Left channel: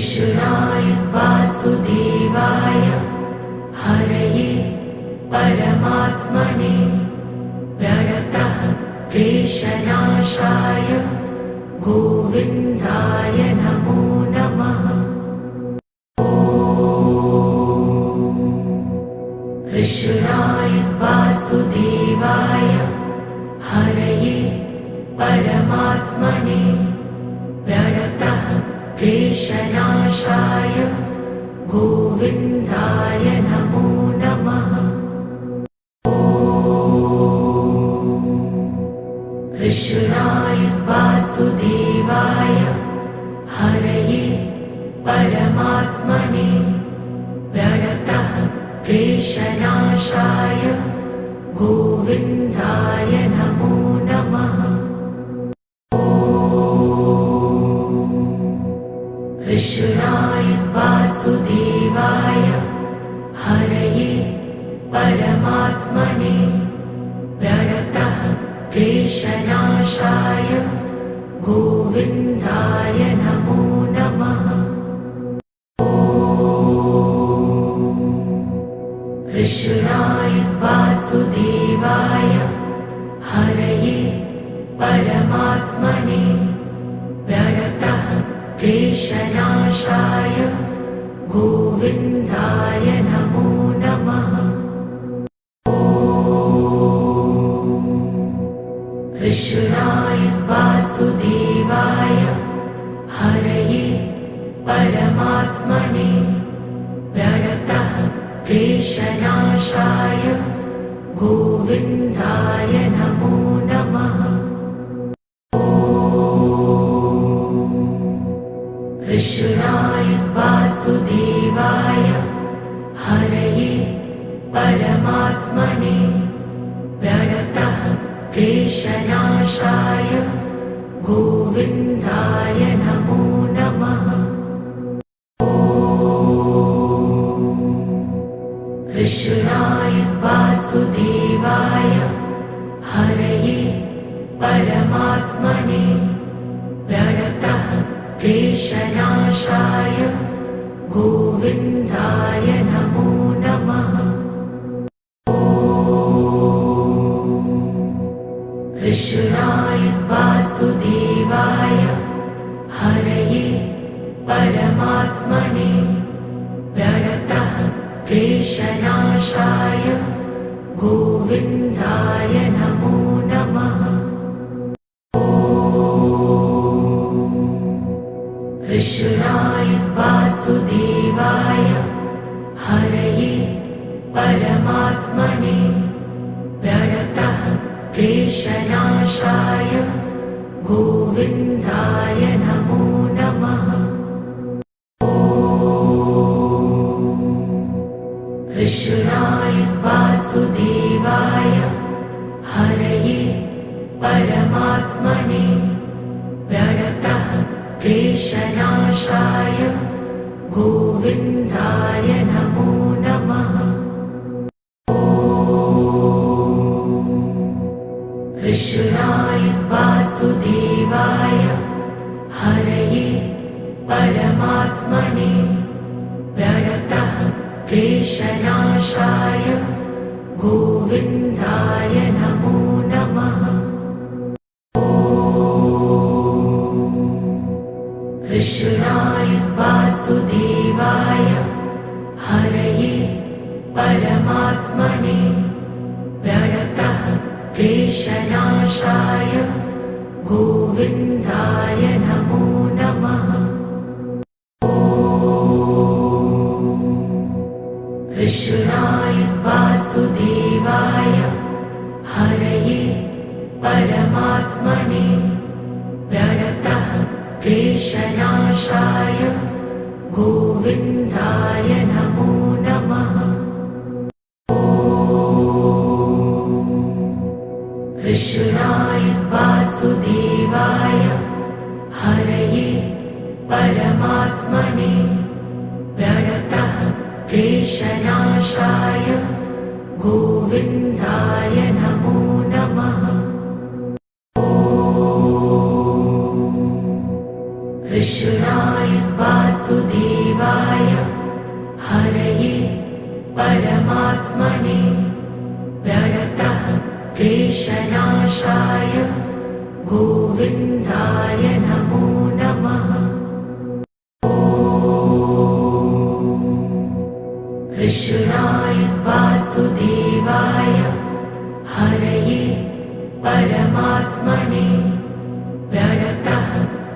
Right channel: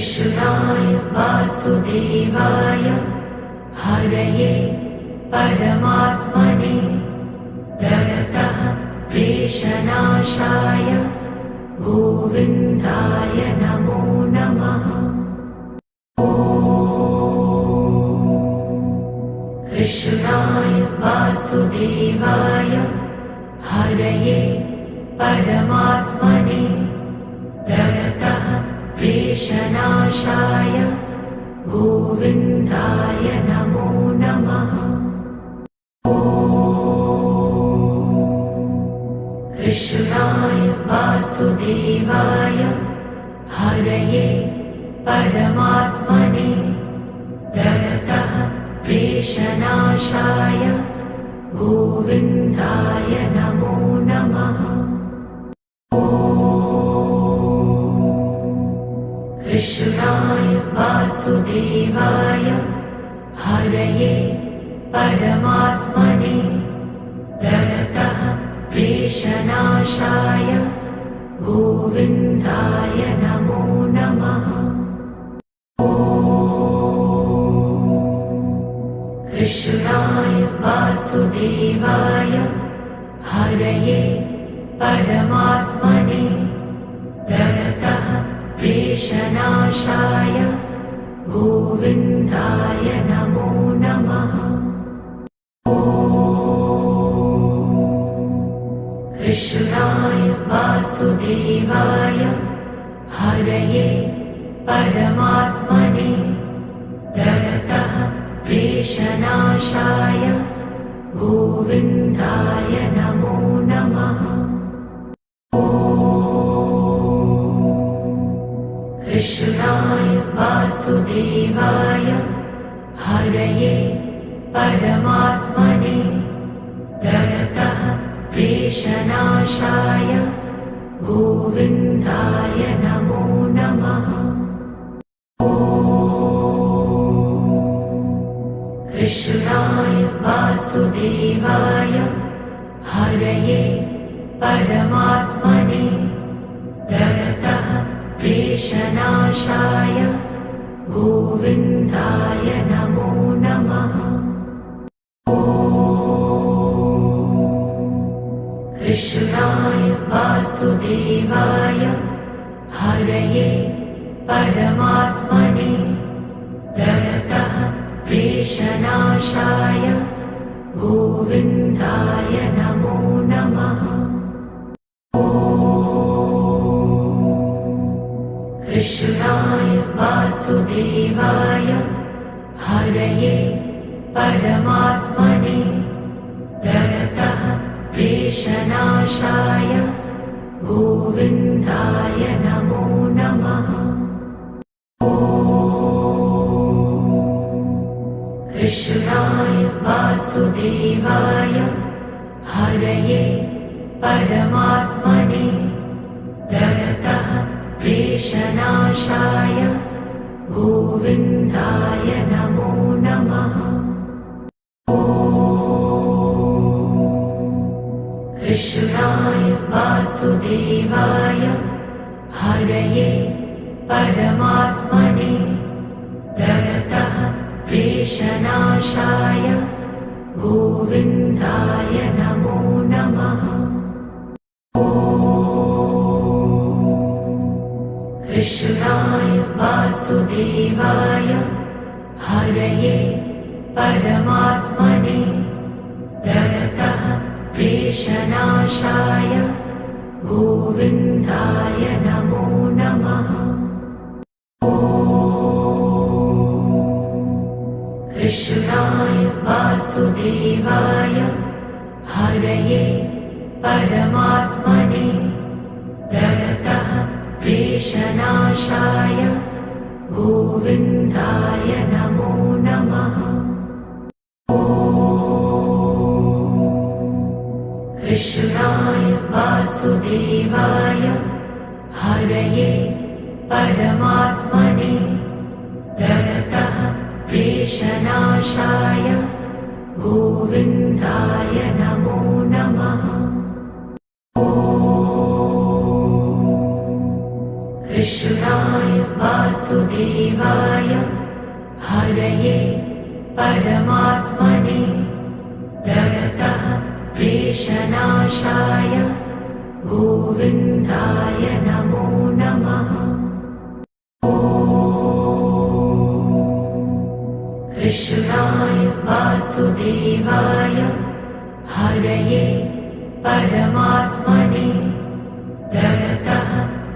कृष्णाय वासुदेवाय हरये परमात्मने प्रणतः क्लेशनाशाय गोविन्दाय नमो नमः। कृष्णाय वासुदेवाय हरये परमात्मने प्रणतः क्लेशनाशाय गोविन्दाय नमो नमः। कृष्णाय वासुदेवाय हरये परमात्मने प्रणतः क्लेशनाशाय गोविन्दाय नमो नमः। कृष्णाय वासुदेवाय हरये परमात्मने प्रणतः क्लेशनाशाय गोविन्दाय नमो नमः। कृष्णाय वासुदेवाय हरये परमात्मने प्रणतः क्लेशनाशाय गोविन्दाय नमो नमः। कृष्णाय वासुदेवाय हरये परमात्मने प्रणतः क्लेशनाशाय गोविन्दाय नमो नमः। कृष्णाय वासुदेवाय हरये परमात्मने प्रणतः क्लेशनाशाय गोविन्दाय नमो नमः। कृष्णाय वासुदेवाय हरये परमात्मने प्रणतः क्लेशनाशाय गोविन्दाय नमो नमः। कृष्णाय वासुदेवाय हरये परमात्मने प्रणतः क्लेशनाशाय गोविन्दाय नमो नमः। कृष्णाय वासुदेवाय हरये परमात्मने प्रणतः क्लेशनाशाय गोविन्दाय नमो नमः। कृष्णाय वासुदेवाय हरये परमात्मने प्रणतः क्लेशनाशाय गोविन्दाय नमो नमः। कृष्णाय वासुदेवाय हरये परमात्मने प्रणतः क्लेशनाशाय गोविन्दाय नमो नमः। कृष्णाय वासुदेवाय हरये परमात्मने प्रणतः क्लेशनाशाय गोविन्दाय नमो नमः। कृष्णाय वासुदेवाय हरये परमात्मने प्रणतः क्लेशनाशाय गोविन्दाय नमो नमः। कृष्णाय वासुदेवाय हरये परमात्मने प्रणतः क्लेशनाशाय गोविन्दाय नमो नमः। कृष्णाय वासुदेवाय हरये परमात्मने प्रणतः क्लेशनाशाय गोविन्दाय नमो नमः। कृष्णाय वासुदेवाय हरये परमात्मने प्रणतः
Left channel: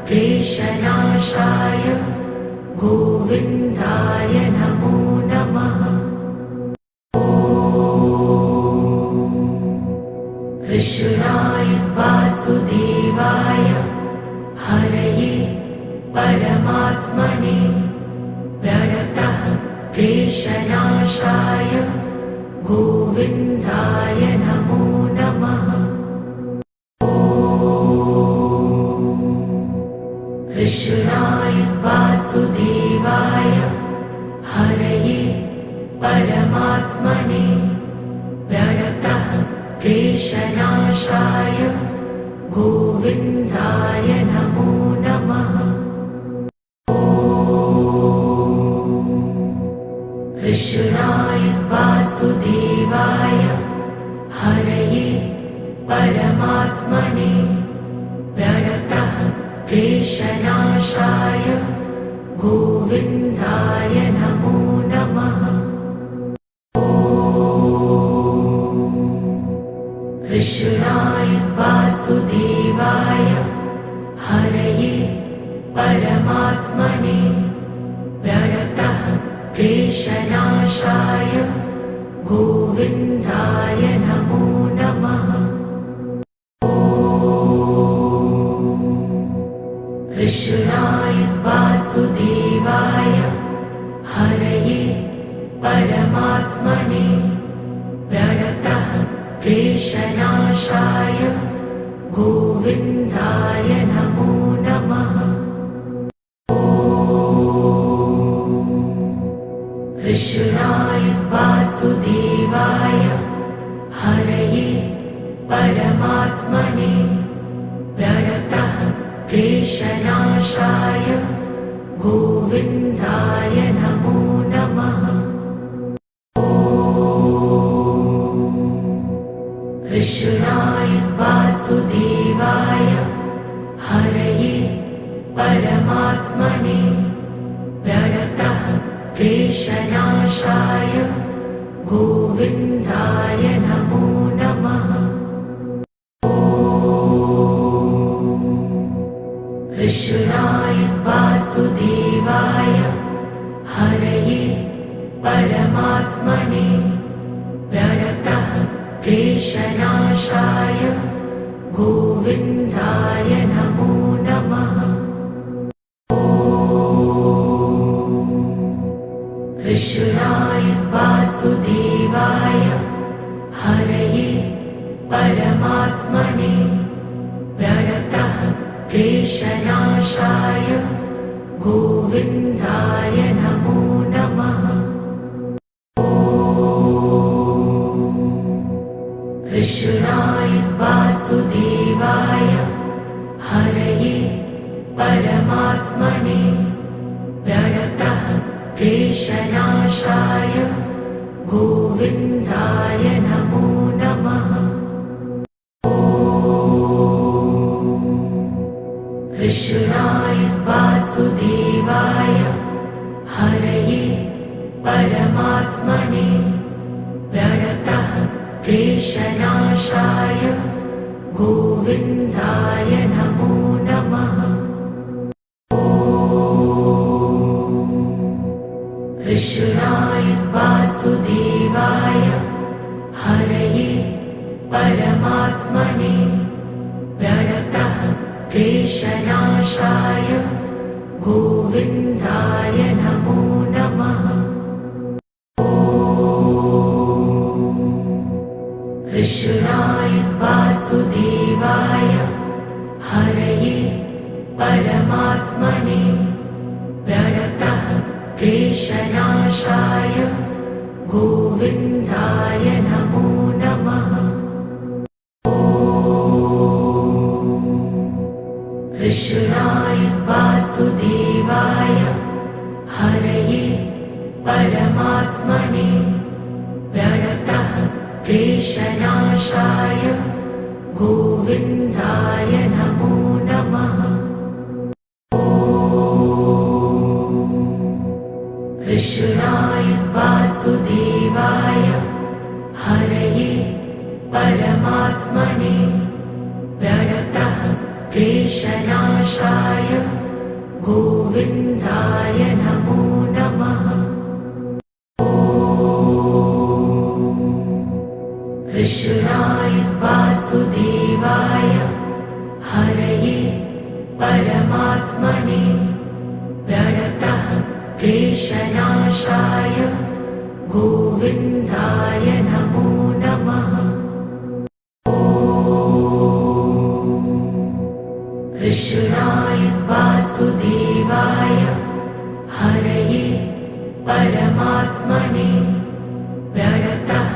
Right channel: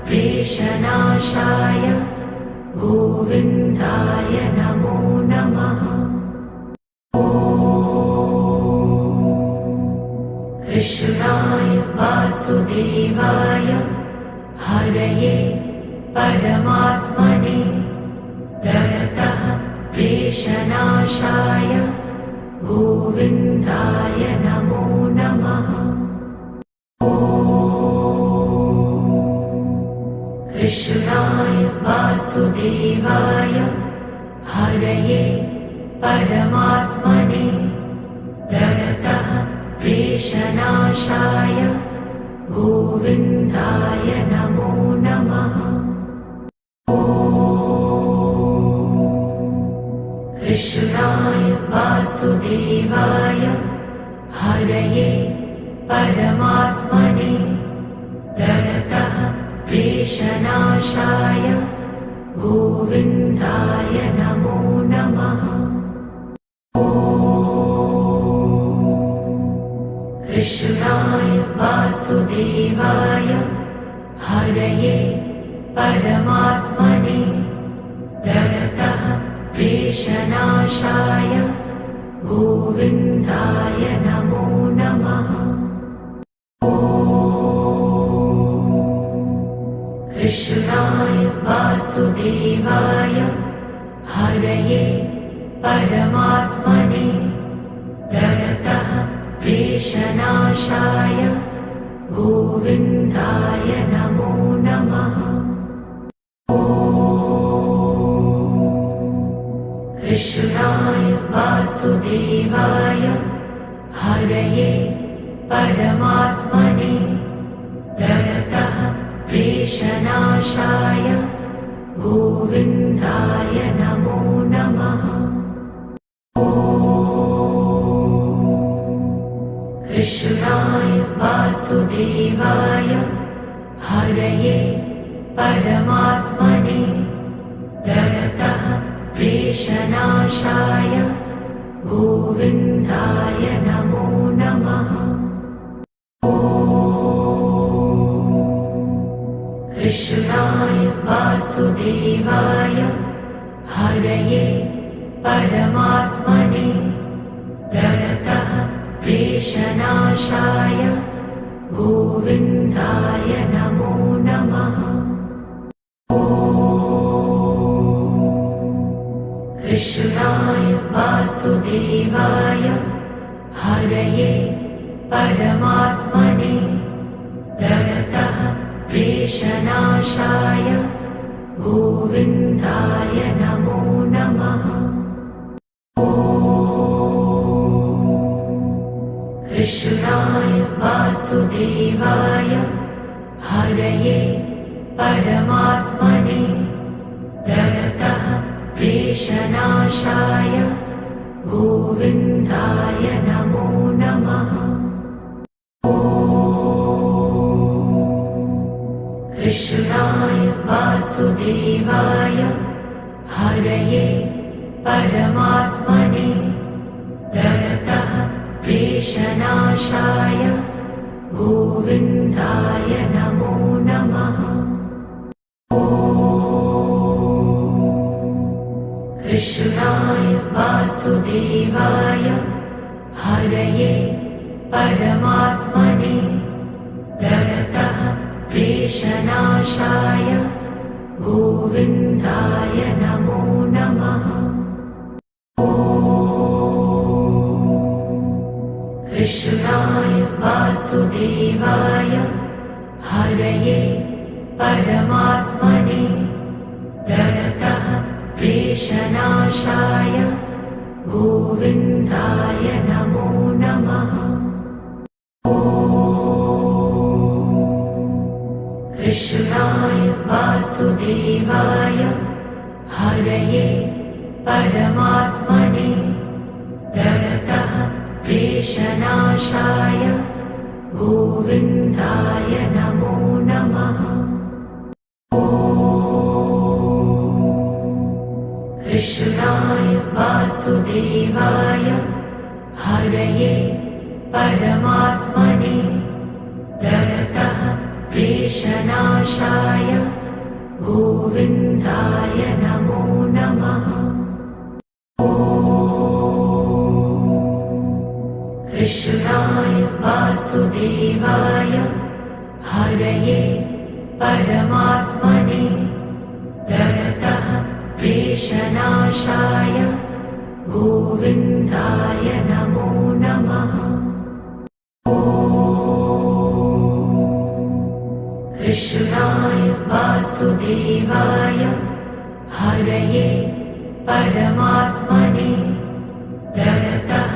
क्लेशनाशाय गोविन्दाय नमो नमः। कृष्णाय वासुदेवाय हरये परमात्मने प्रणतः क्लेशनाशाय गोविन्दाय नमो नमः। कृष्णाय वासुदेवाय हरये परमात्मने प्रणतः क्लेशनाशाय गोविन्दाय नमो नमः। कृष्णाय वासुदेवाय हरये परमात्मने प्रणतः क्लेशनाशाय गोविन्दाय नमो नमः। कृष्णाय वासुदेवाय हरये परमात्मने प्रणतः क्लेशनाशाय गोविन्दाय नमो नमः। कृष्णाय वासुदेवाय हरये परमात्मने प्रणतः क्लेशनाशाय गोविन्दाय नमो नमः। कृष्णाय वासुदेवाय हरये परमात्मने प्रणतः क्लेशनाशाय गोविन्दाय नमो नमः। कृष्णाय वासुदेवाय हरये परमात्मने प्रणतः क्लेशनाशाय गोविन्दाय नमो नमः। कृष्णाय वासुदेवाय हरये परमात्मने प्रणतः क्लेशनाशाय गोविन्दाय नमो नमः। कृष्णाय वासुदेवाय हरये परमात्मने प्रणतः क्लेशनाशाय गोविन्दाय नमो नमः। कृष्णाय वासुदेवाय हरये परमात्मने प्रणतः क्लेशनाशाय गोविन्दाय नमो नमः। कृष्णाय वासुदेवाय हरये परमात्मने प्रणतः क्लेशनाशाय गोविन्दाय नमो नमः। कृष्णाय वासुदेवाय हरये परमात्मने प्रणतः क्लेशनाशाय गोविन्दाय नमो नमः। कृष्णाय वासुदेवाय हरये परमात्मने प्रणतः क्लेशनाशाय गोविन्दाय नमो नमः। कृष्णाय वासुदेवाय हरये परमात्मने प्रणतः क्लेशनाशाय गोविन्दाय नमो नमः। कृष्णाय वासुदेवाय हरये परमात्मने प्रणतः क्लेशनाशाय गोविन्दाय नमो नमः। कृष्णाय वासुदेवाय हरये परमात्मने प्रणतः क्लेशनाशाय गोविन्दाय नमो नमः। कृष्णाय वासुदेवाय हरये परमात्मने प्रणतः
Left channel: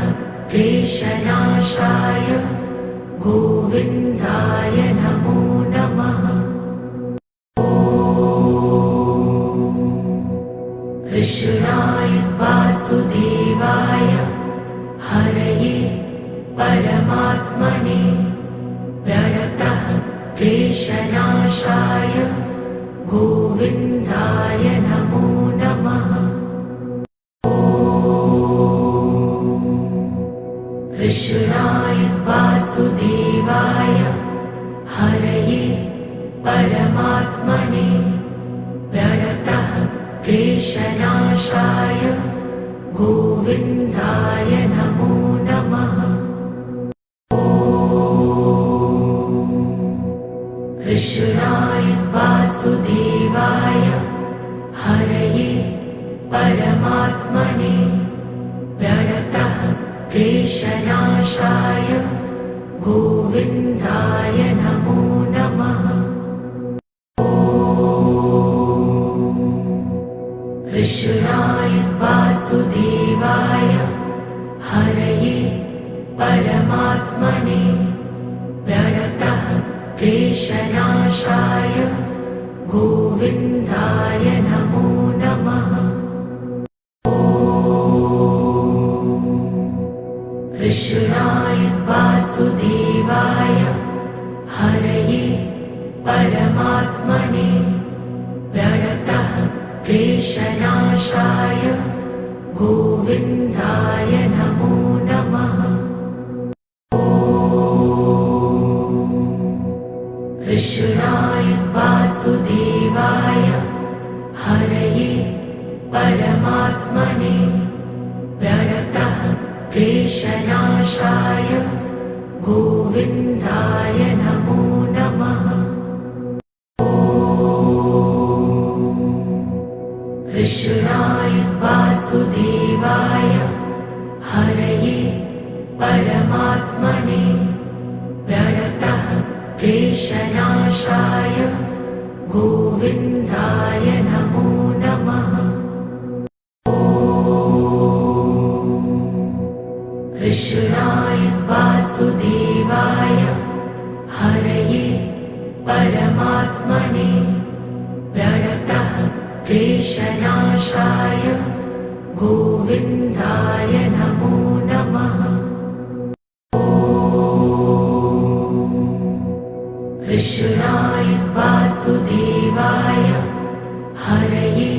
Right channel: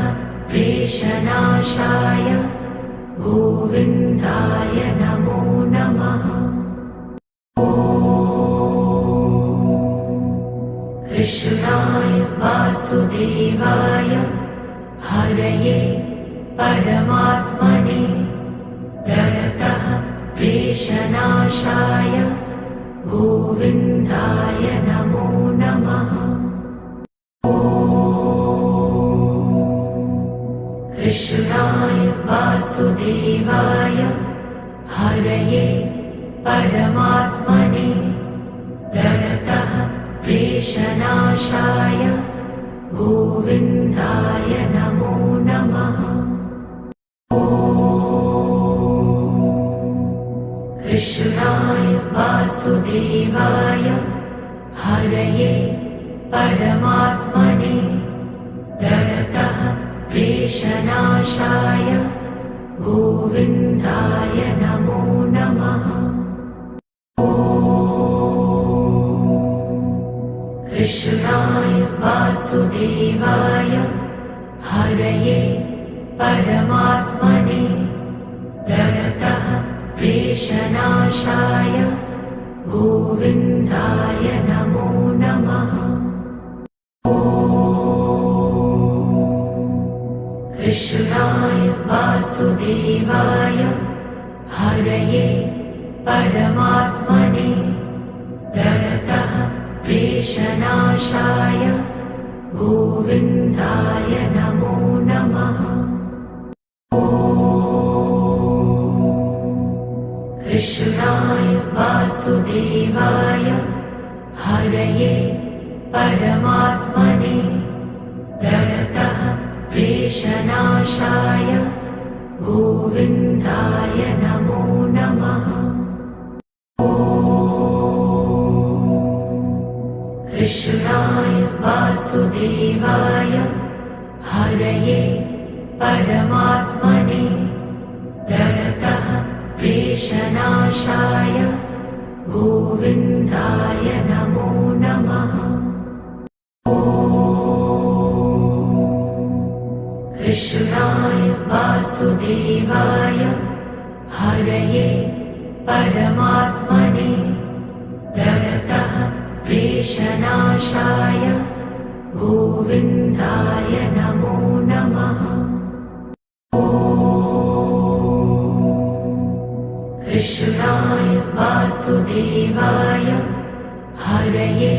क्लेशनाशाय गोविन्दाय नमो नमः। कृष्णाय वासुदेवाय हरये परमात्मने प्रणतः क्लेशनाशाय गोविन्दाय नमो नमः। कृष्णाय वासुदेवाय हरये परमात्मने प्रणतः क्लेशनाशाय गोविन्दाय नमो नमः। कृष्णाय वासुदेवाय हरये परमात्मने प्रणतः क्लेशनाशाय गोविन्दाय नमो नमः। कृष्णाय वासुदेवाय हरये परमात्मने प्रणतः क्लेशनाशाय गोविन्दाय नमो नमः। कृष्णाय वासुदेवाय हरये परमात्मने प्रणतः क्लेशनाशाय गोविन्दाय नमो नमः। कृष्णाय वासुदेवाय हरये परमात्मने प्रणतः क्लेशनाशाय गोविन्दाय नमो नमः। कृष्णाय वासुदेवाय हरये परमात्मने प्रणतः क्लेशनाशाय गोविन्दाय नमो नमः। कृष्णाय वासुदेवाय हरये परमात्मने प्रणतः क्लेशनाशाय गोविन्दाय नमो नमः। कृष्णाय वासुदेवाय हरये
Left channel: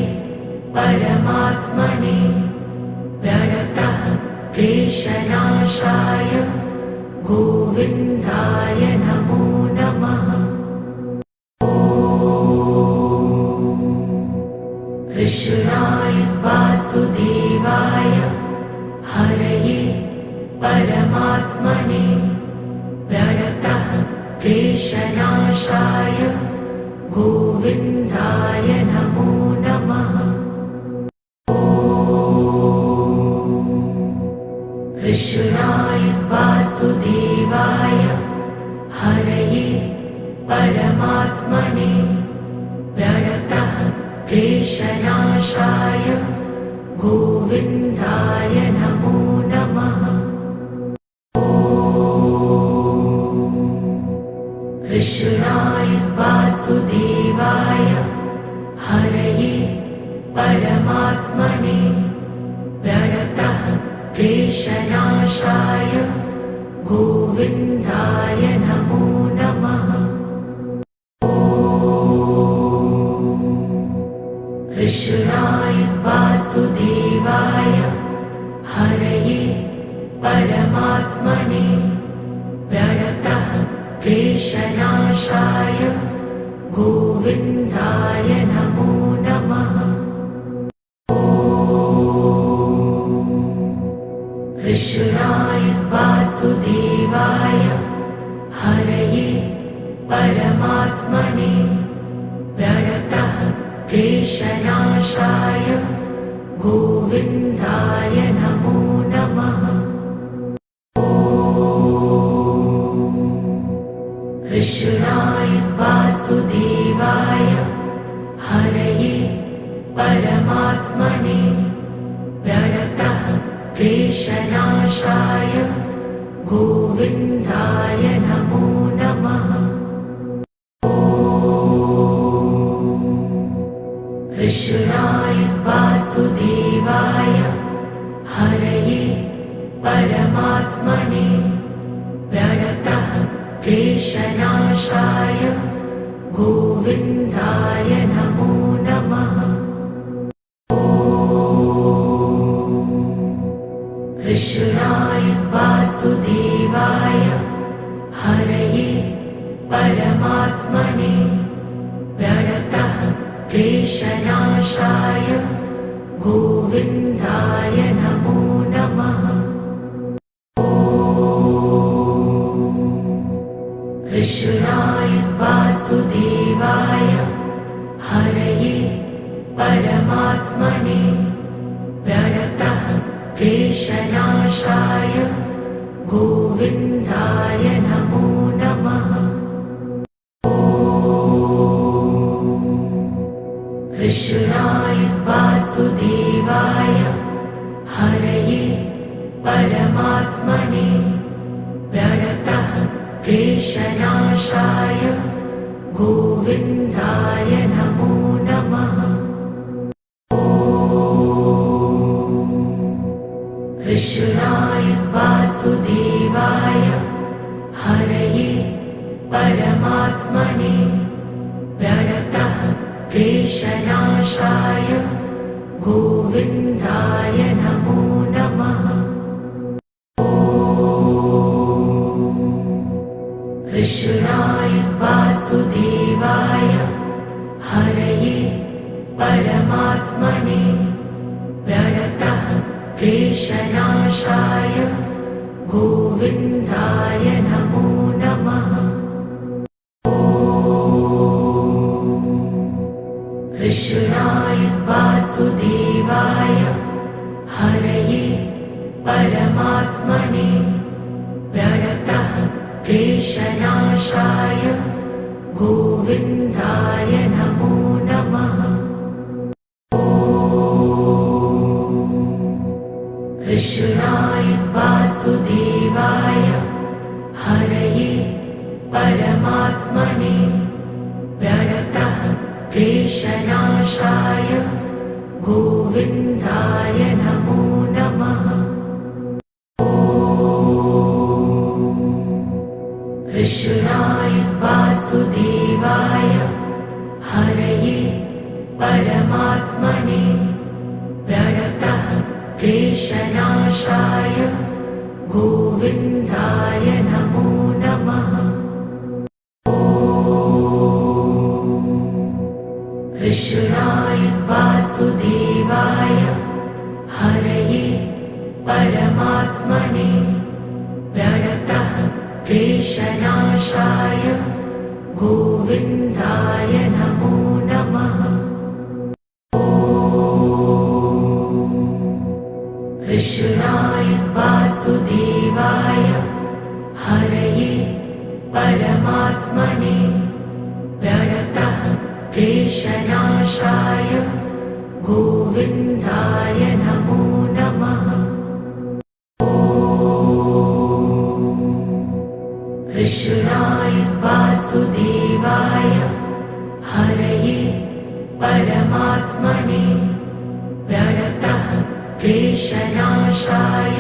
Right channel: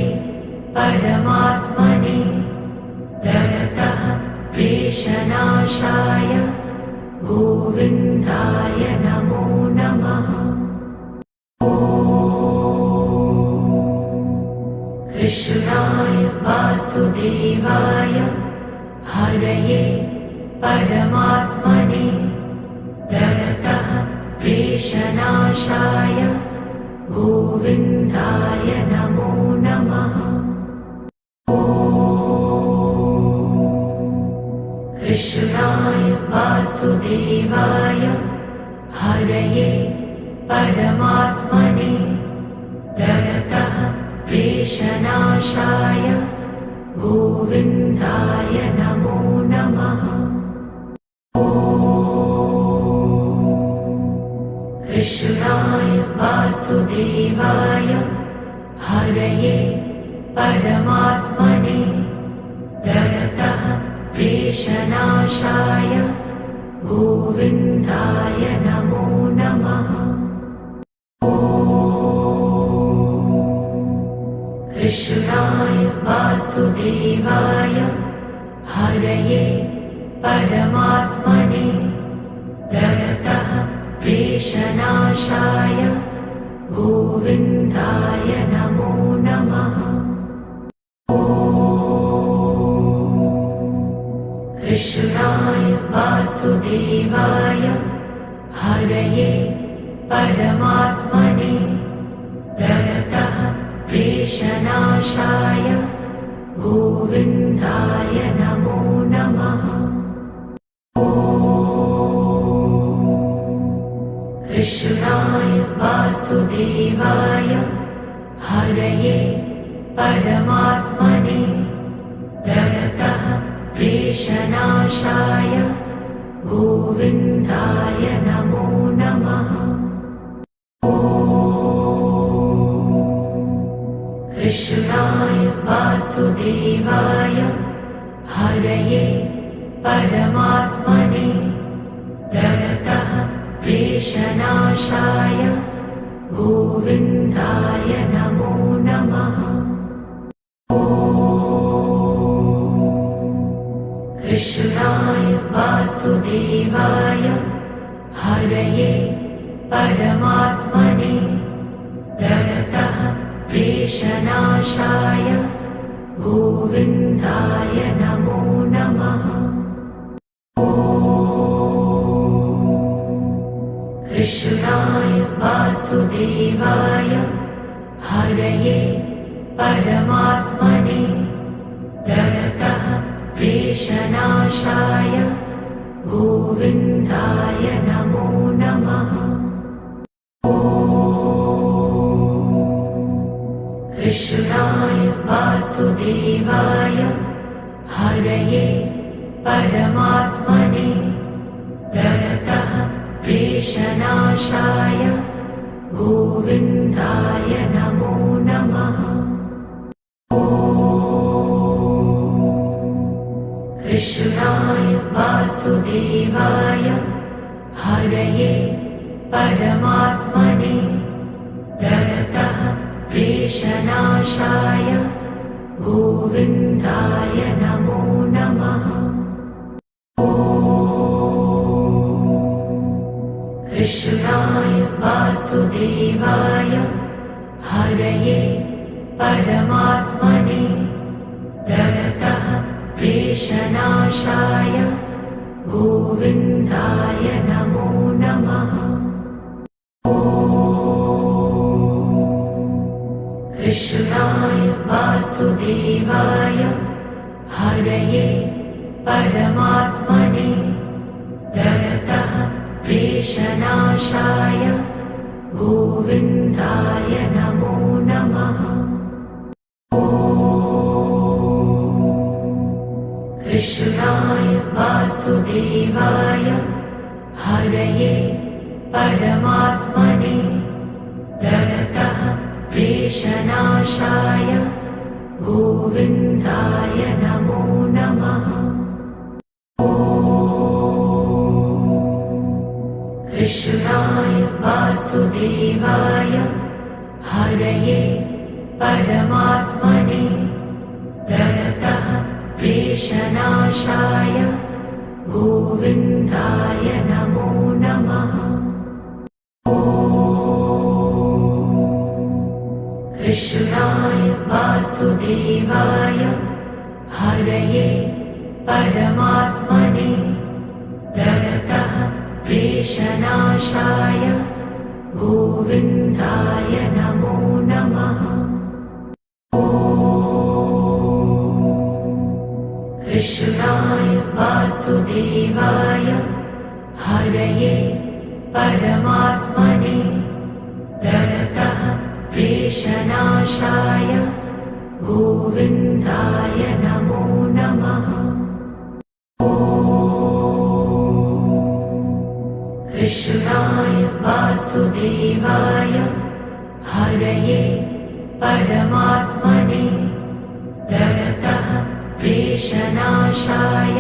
परमात्मने प्रणतः क्लेशनाशाय गोविन्दाय नमो नमः। कृष्णाय वासुदेवाय हरये परमात्मने प्रणतः क्लेशनाशाय गोविन्दाय नमो नमः। कृष्णाय वासुदेवाय हरये परमात्मने प्रणतः क्लेशनाशाय गोविन्दाय नमो नमः। कृष्णाय वासुदेवाय परमात्मने प्रणतः क्लेशनाशाय गोविन्दाय नमो नमः। कृष्णाय वासुदेवाय हरये परमात्मने प्रणतः क्लेशनाशाय गोविन्दाय नमो नमः। कृष्णाय वासुदेवाय हरये परमात्मने प्रणतः क्लेशनाशाय गोविन्दाय नमो नमः। कृष्णाय वासुदेवाय हरये परमात्मने प्रणतः क्लेशनाशाय गोविन्दाय नमो नमः। कृष्णाय वासुदेवाय हरये परमात्मने प्रणतः क्लेशनाशाय गोविन्दाय नमो नमः। कृष्णाय वासुदेवाय हरये परमात्मने प्रणतः क्लेशनाशाय गोविन्दाय नमो नमः। कृष्णाय वासुदेवाय हरये परमात्मने प्रणतः क्लेशनाशाय गोविन्दाय नमो नमः। कृष्णाय वासुदेवाय हरये परमात्मने प्रणतः क्लेशनाशाय गोविन्दाय नमो नमः। कृष्णाय वासुदेवाय हरये परमात्मने प्रणतः क्लेशनाशाय गोविन्दाय नमो नमः। कृष्णाय वासुदेवाय हरये परमात्मने प्रणतः क्लेशनाशाय गोविन्दाय नमो नमः। कृष्णाय वासुदेवाय हरये परमात्मने प्रणतः क्लेशनाशाय गोविन्दाय नमो नमः। कृष्णाय वासुदेवाय हरये परमात्मने प्रणतः क्लेशनाशाय गोविन्दाय नमो नमः। कृष्णाय वासुदेवाय हरये परमात्मने प्रणतः क्लेशनाशाय गोविन्दाय नमो नमः। कृष्णाय वासुदेवाय हरये परमात्मने प्रणतः क्लेशनाशाय गोविन्दाय नमो नमः। कृष्णाय वासुदेवाय हरये परमात्मने प्रणतः क्लेशनाशाय गोविन्दाय नमो नमः। कृष्णाय वासुदेवाय हरये परमात्मने प्रणतः क्लेशनाशाय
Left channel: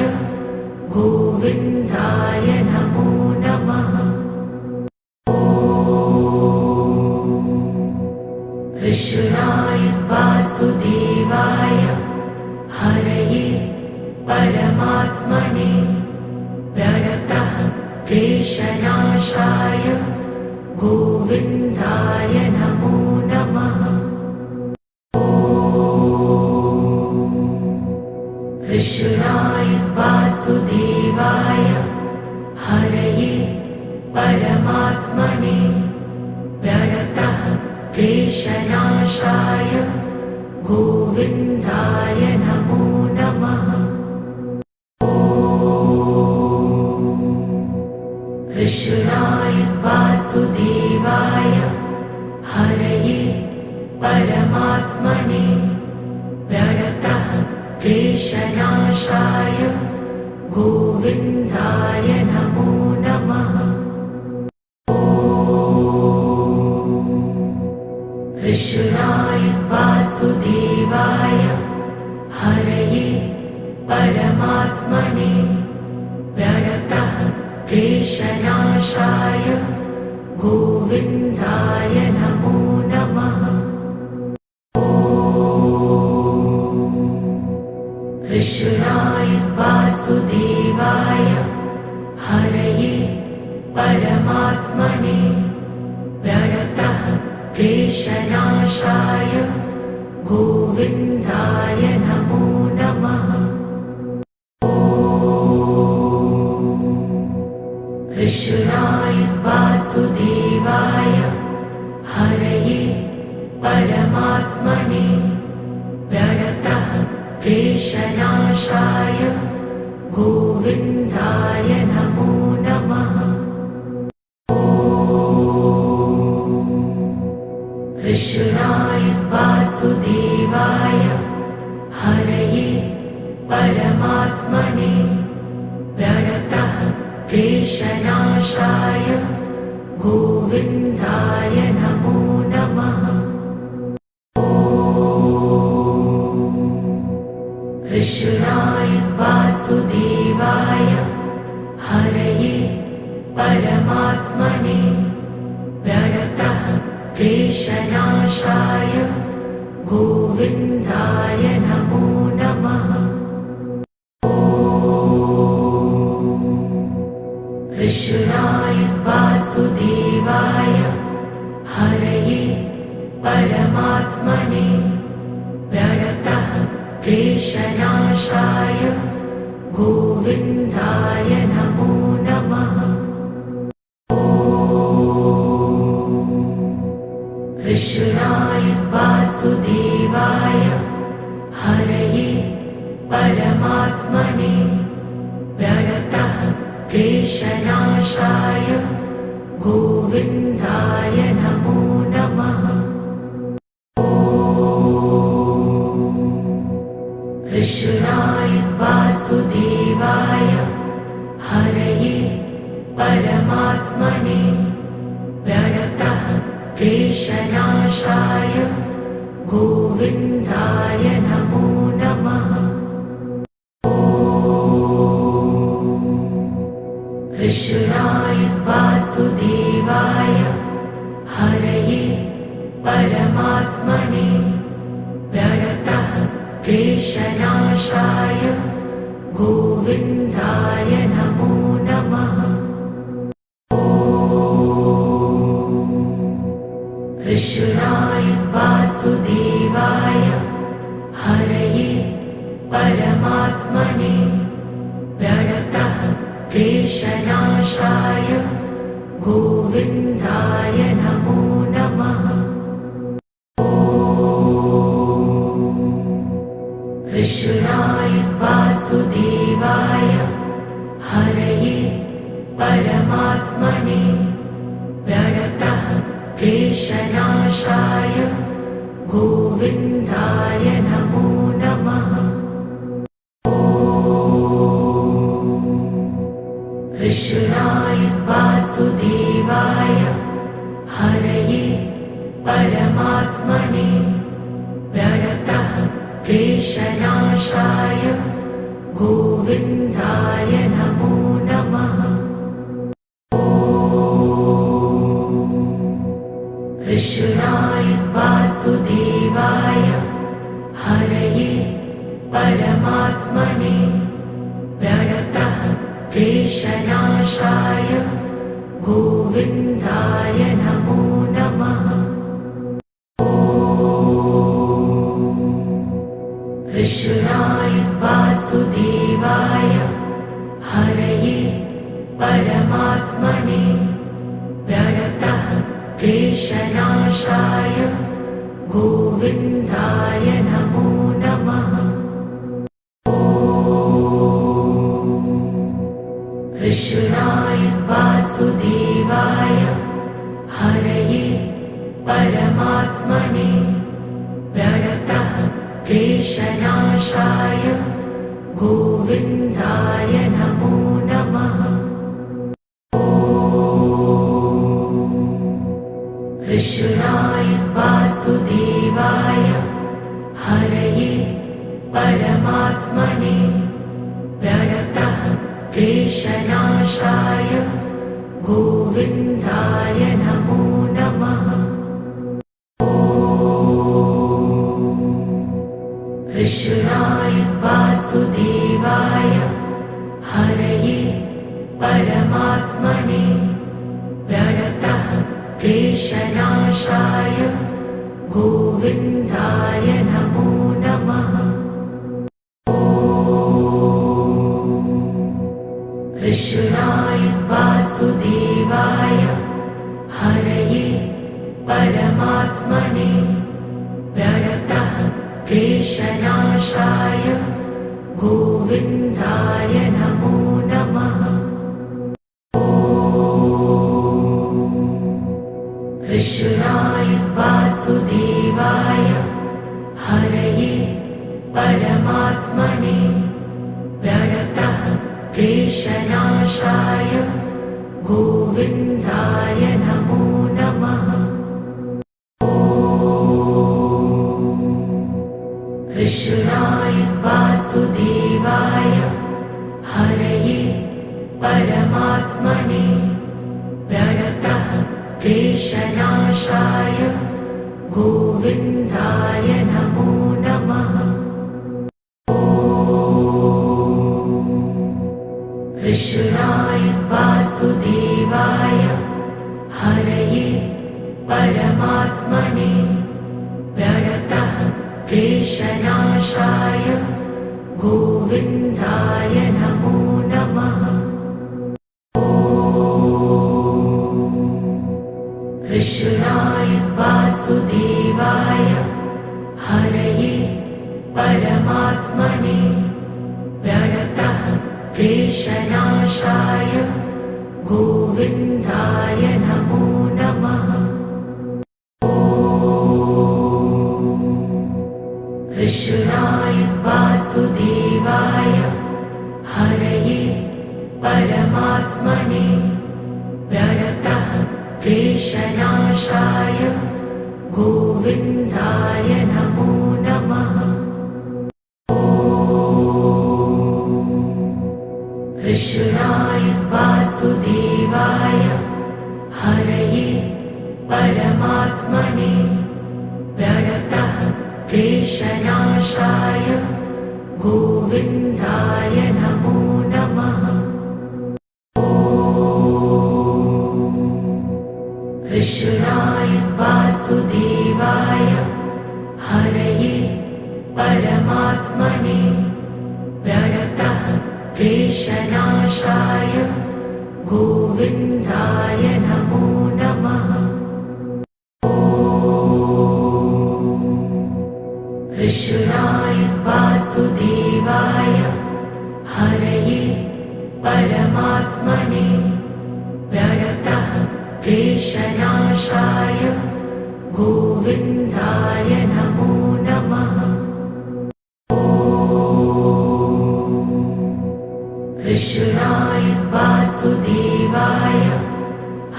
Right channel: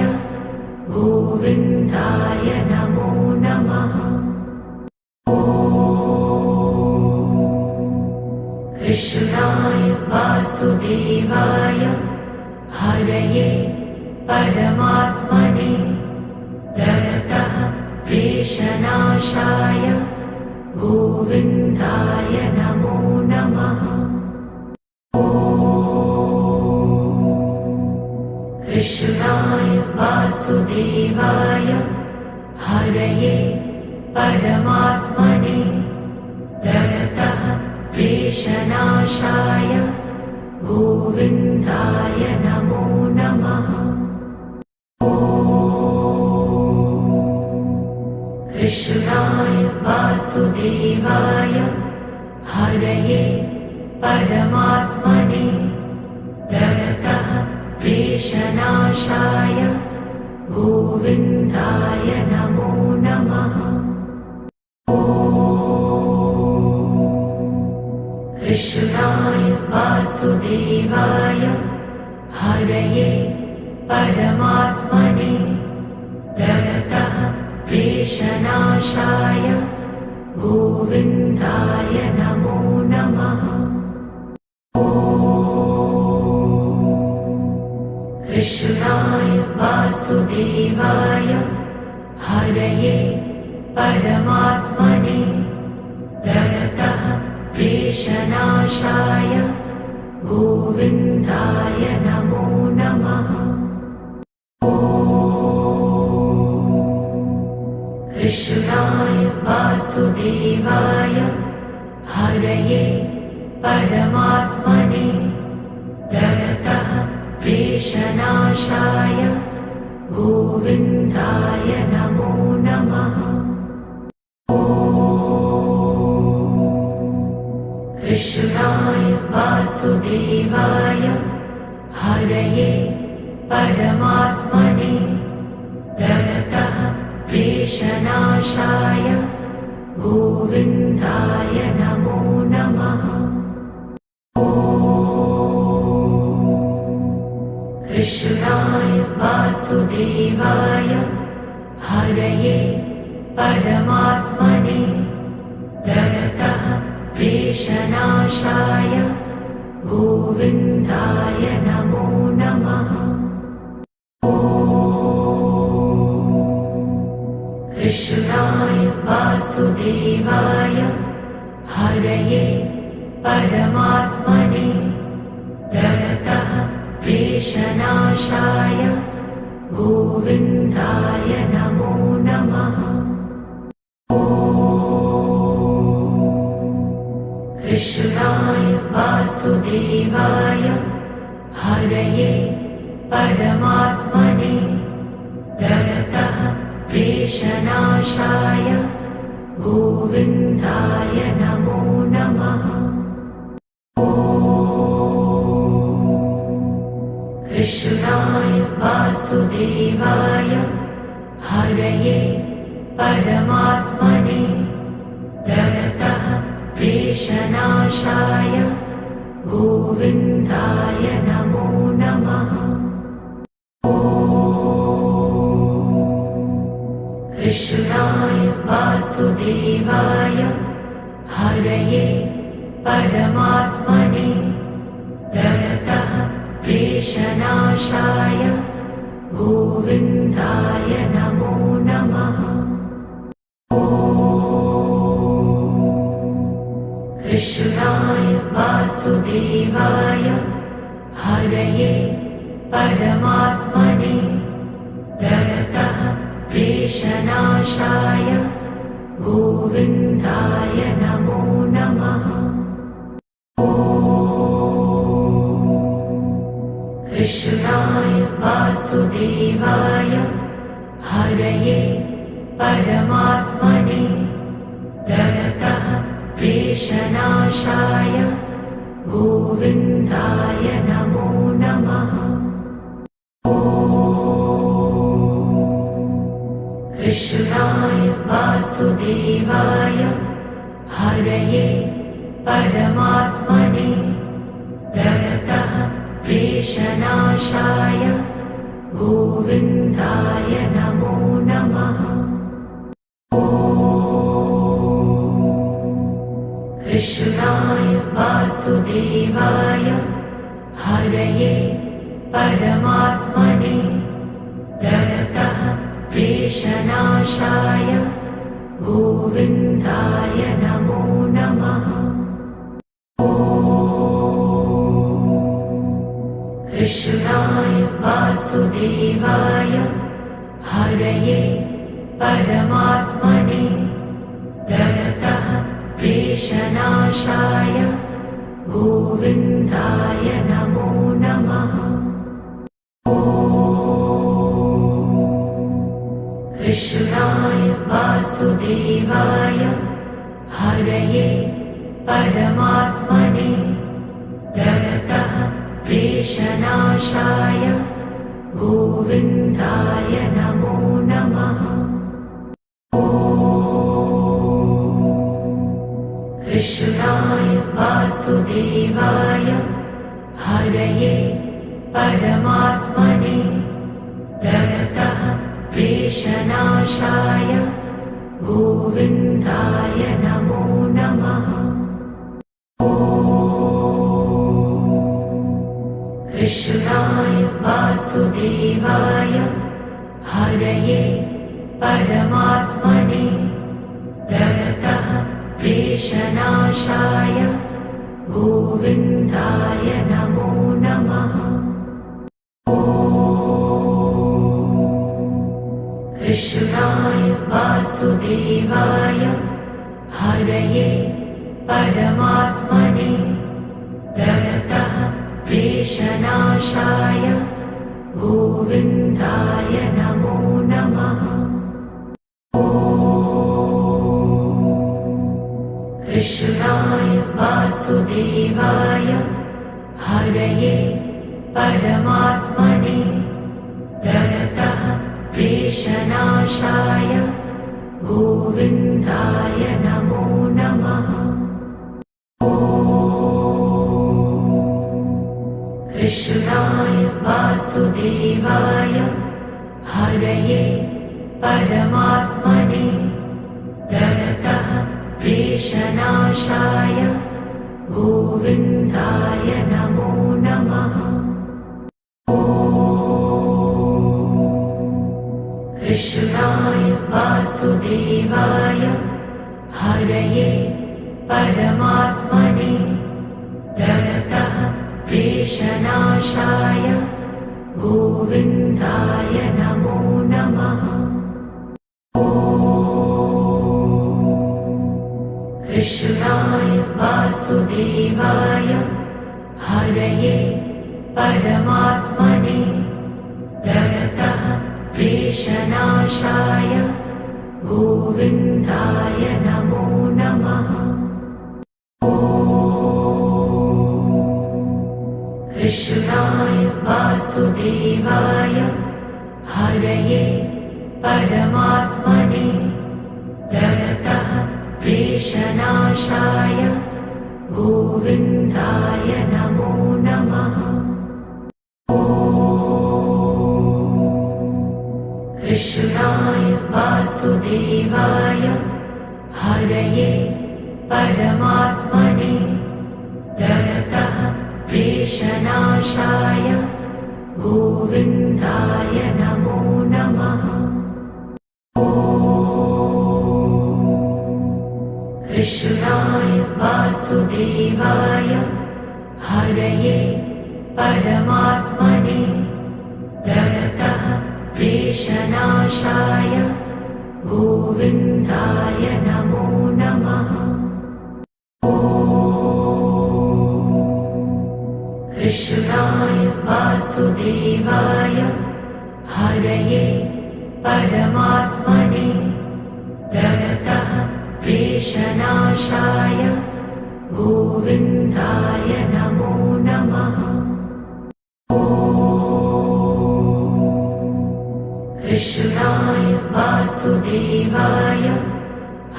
गोविन्दाय नमो नमः। कृष्णाय वासुदेवाय हरये परमात्मने प्रणतः क्लेशनाशाय गोविन्दाय नमो नमः। कृष्णाय वासुदेवाय हरये परमात्मने प्रणतः क्लेशनाशाय गोविन्दाय नमो नमः। कृष्णाय वासुदेवाय हरये परमात्मने प्रणतः क्लेशनाशाय गोविन्दाय नमो नमः। कृष्णाय वासुदेवाय हरये परमात्मने प्रणतः क्लेशनाशाय गोविन्दाय नमो नमः। कृष्णाय वासुदेवाय हरये परमात्मने प्रणतः क्लेशनाशाय गोविन्दाय नमो नमः। कृष्णाय वासुदेवाय हरये परमात्मने प्रणतः क्लेशनाशाय गोविन्दाय नमो नमः। कृष्णाय वासुदेवाय हरये परमात्मने प्रणतः क्लेशनाशाय गोविन्दाय नमो नमः। कृष्णाय वासुदेवाय हरये परमात्मने प्रणतः क्लेशनाशाय गोविन्दाय नमो नमः। कृष्णाय वासुदेवाय हरये परमात्मने प्रणतः क्लेशनाशाय गोविन्दाय नमो नमः। कृष्णाय वासुदेवाय हरये परमात्मने प्रणतः क्लेशनाशाय गोविन्दाय नमो नमः। कृष्णाय वासुदेवाय हरये परमात्मने प्रणतः क्लेशनाशाय गोविन्दाय नमो नमः। कृष्णाय वासुदेवाय हरये परमात्मने प्रणतः क्लेशनाशाय गोविन्दाय नमो नमः। कृष्णाय वासुदेवाय हरये परमात्मने प्रणतः क्लेशनाशाय गोविन्दाय नमो नमः। कृष्णाय वासुदेवाय हरये परमात्मने प्रणतः क्लेशनाशाय गोविन्दाय नमो नमः। कृष्णाय वासुदेवाय हरये परमात्मने प्रणतः क्लेशनाशाय क्लेशनाशाय गोविन्दाय नमो नमः। कृष्णाय वासुदेवाय हरये परमात्मने प्रणतः क्लेशनाशाय गोविन्दाय नमो नमः। कृष्णाय वासुदेवाय हरये परमात्मने प्रणतः क्लेशनाशाय गोविन्दाय नमो नमः। कृष्णाय वासुदेवाय हरये परमात्मने प्रणतः क्लेशनाशाय गोविन्दाय नमो नमः। कृष्णाय वासुदेवाय हरये परमात्मने प्रणतः क्लेशनाशाय गोविन्दाय नमो नमः। कृष्णाय वासुदेवाय हरये परमात्मने प्रणतः क्लेशनाशाय गोविन्दाय नमो नमः। कृष्णाय वासुदेवाय हरये परमात्मने प्रणतः क्लेशनाशाय गोविन्दाय नमो नमः। कृष्णाय वासुदेवाय हरये परमात्मने प्रणतः क्लेशनाशाय गोविन्दाय नमो नमः। कृष्णाय वासुदेवाय हरये परमात्मने प्रणतः क्लेशनाशाय गोविन्दाय नमो नमः। कृष्णाय वासुदेवाय हरये परमात्मने प्रणतः क्लेशनाशाय गोविन्दाय नमो नमः। कृष्णाय वासुदेवाय हरये परमात्मने प्रणतः क्लेशनाशाय गोविन्दाय नमो नमः। कृष्णाय वासुदेवाय हरये परमात्मने प्रणतः क्लेशनाशाय गोविन्दाय नमो नमः। कृष्णाय वासुदेवाय हरये परमात्मने प्रणतः क्लेशनाशाय गोविन्दाय नमो नमः। कृष्णाय वासुदेवाय हरये परमात्मने प्रणतः क्लेशनाशाय गोविन्दाय नमो नमः। कृष्णाय वासुदेवाय हरये परमात्मने प्रणतः क्लेशनाशाय गोविन्दाय नमो नमः। कृष्णाय वासुदेवाय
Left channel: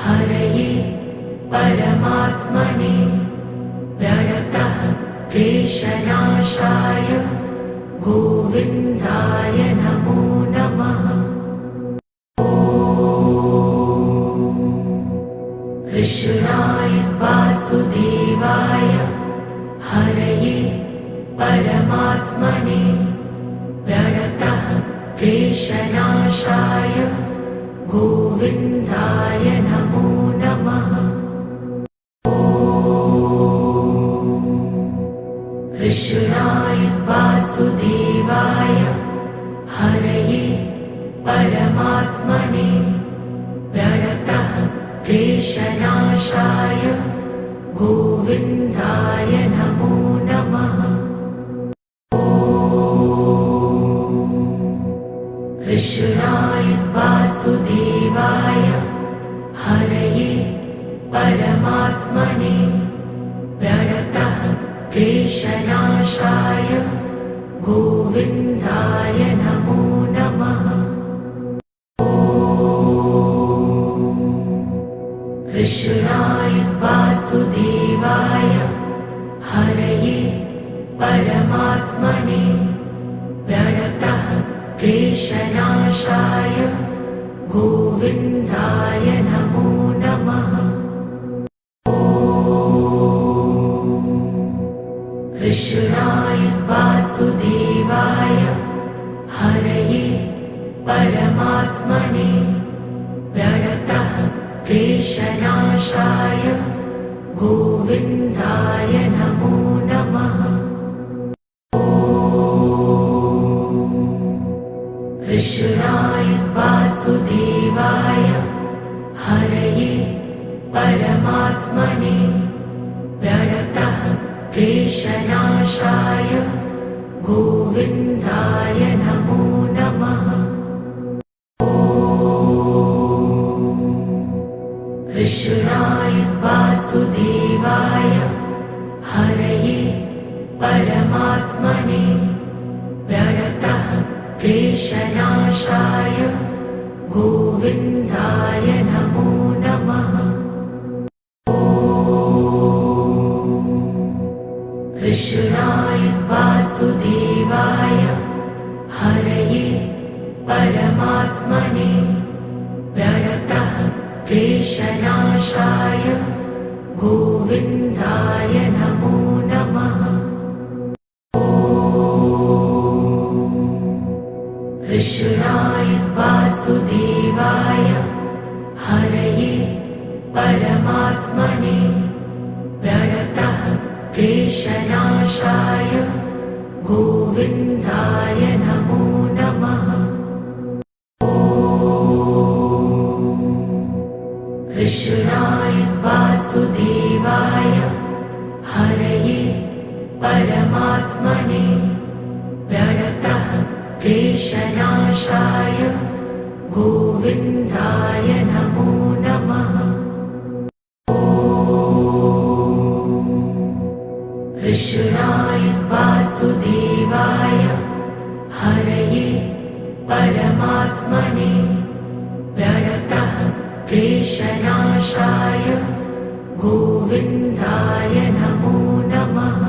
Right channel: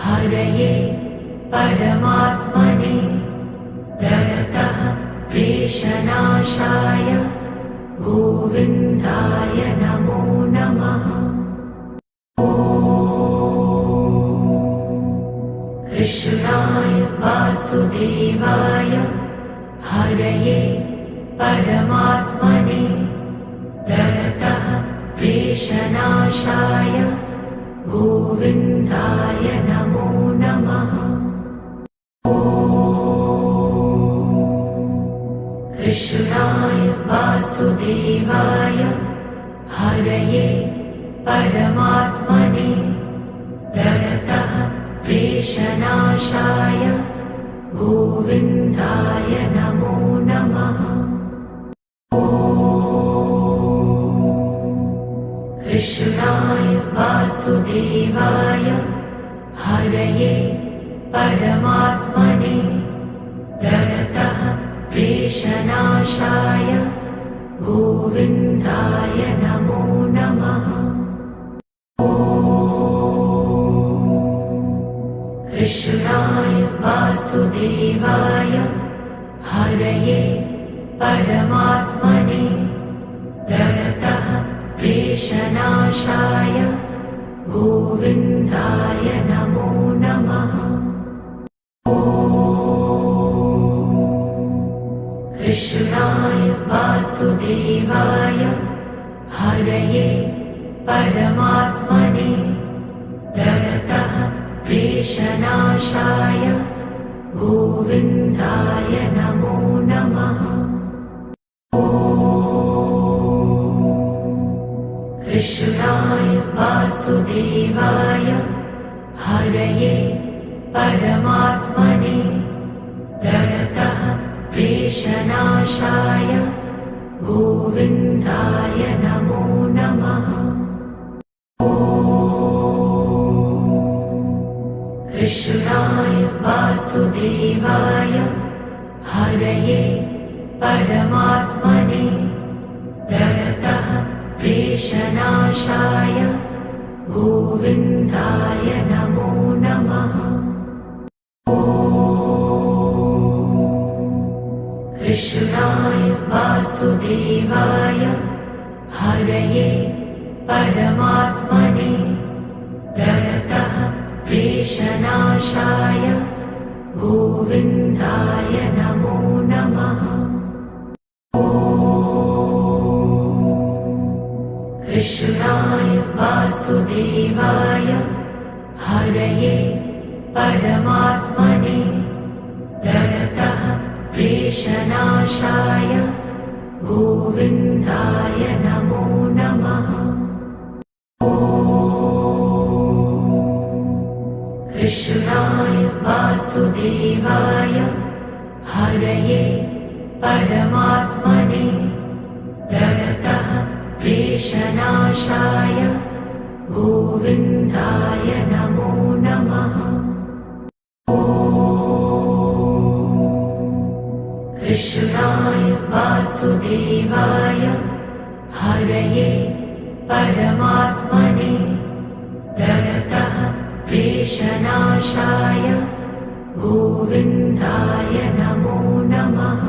हरये परमात्मने प्रणतः क्लेशनाशाय गोविन्दाय नमो नमः। कृष्णाय वासुदेवाय हरये परमात्मने प्रणतः क्लेशनाशाय गोविन्दाय नमो नमः। कृष्णाय वासुदेवाय हरये परमात्मने प्रणतः क्लेशनाशाय गोविन्दाय नमो नमः। कृष्णाय वासुदेवाय हरये परमात्मने प्रणतः क्लेशनाशाय गोविन्दाय नमो नमः। कृष्णाय वासुदेवाय हरये परमात्मने प्रणतः क्लेशनाशाय गोविन्दाय नमो नमः। कृष्णाय वासुदेवाय हरये परमात्मने प्रणतः क्लेशनाशाय गोविन्दाय नमो नमः। कृष्णाय वासुदेवाय हरये परमात्मने प्रणतः क्लेशनाशाय गोविन्दाय नमो नमः। कृष्णाय वासुदेवाय हरये परमात्मने प्रणतः क्लेशनाशाय गोविन्दाय नमो नमः। कृष्णाय वासुदेवाय हरये परमात्मने प्रणतः क्लेशनाशाय गोविन्दाय नमो नमः। कृष्णाय वासुदेवाय हरये परमात्मने प्रणतः क्लेशनाशाय गोविन्दाय नमो नमः। कृष्णाय वासुदेवाय हरये परमात्मने प्रणतः क्लेशनाशाय गोविन्दाय नमो नमः। कृष्णाय वासुदेवाय हरये परमात्मने प्रणतः क्लेशनाशाय गोविन्दाय नमो नमः।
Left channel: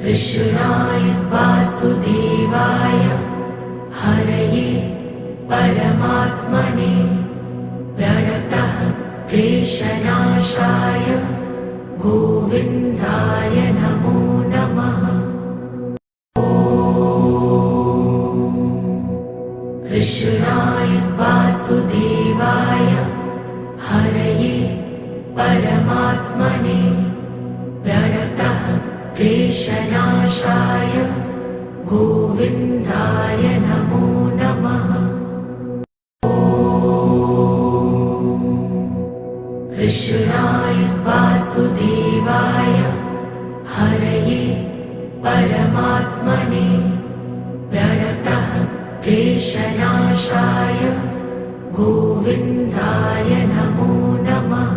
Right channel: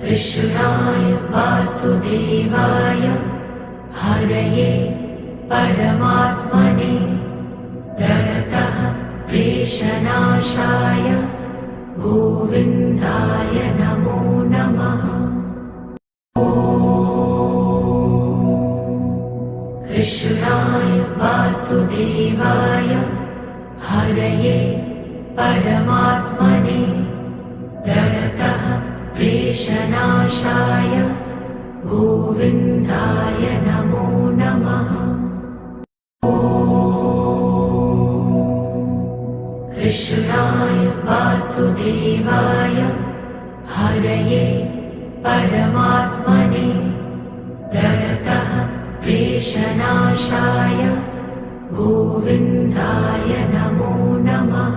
कृष्णाय वासुदेवाय हरये परमात्मने प्रणतः क्लेशनाशाय गोविन्दाय नमो नमः। कृष्णाय वासुदेवाय हरये परमात्मने प्रणतः क्लेशनाशाय गोविन्दाय नमो नमः। कृष्णाय वासुदेवाय हरये परमात्मने प्रणतः क्लेशनाशाय गोविन्दाय नमो नमः।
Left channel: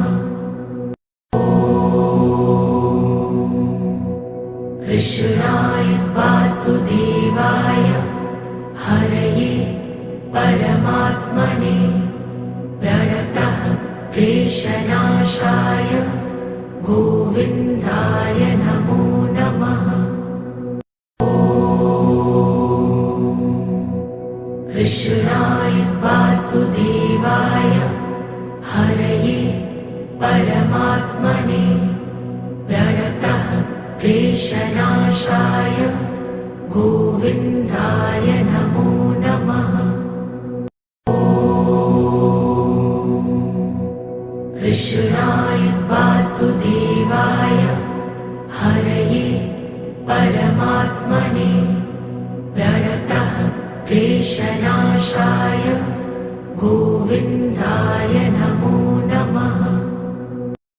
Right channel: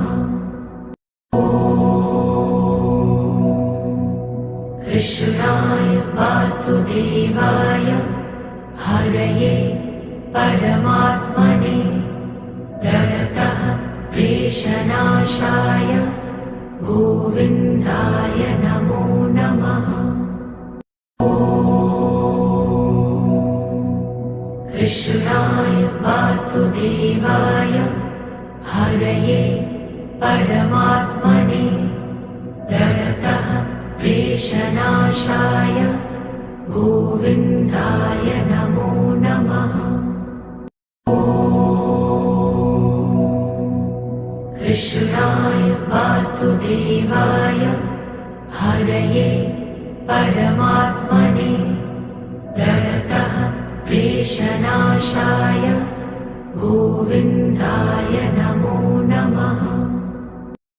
कृष्णाय वासुदेवाय हरये परमात्मने प्रणतः क्लेशनाशाय गोविन्दाय नमो नमः। कृष्णाय वासुदेवाय हरये परमात्मने प्रणतः क्लेशनाशाय गोविन्दाय नमो नमः। कृष्णाय वासुदेवाय हरये परमात्मने प्रणतः क्लेशनाशाय गोविन्दाय नमो नमः।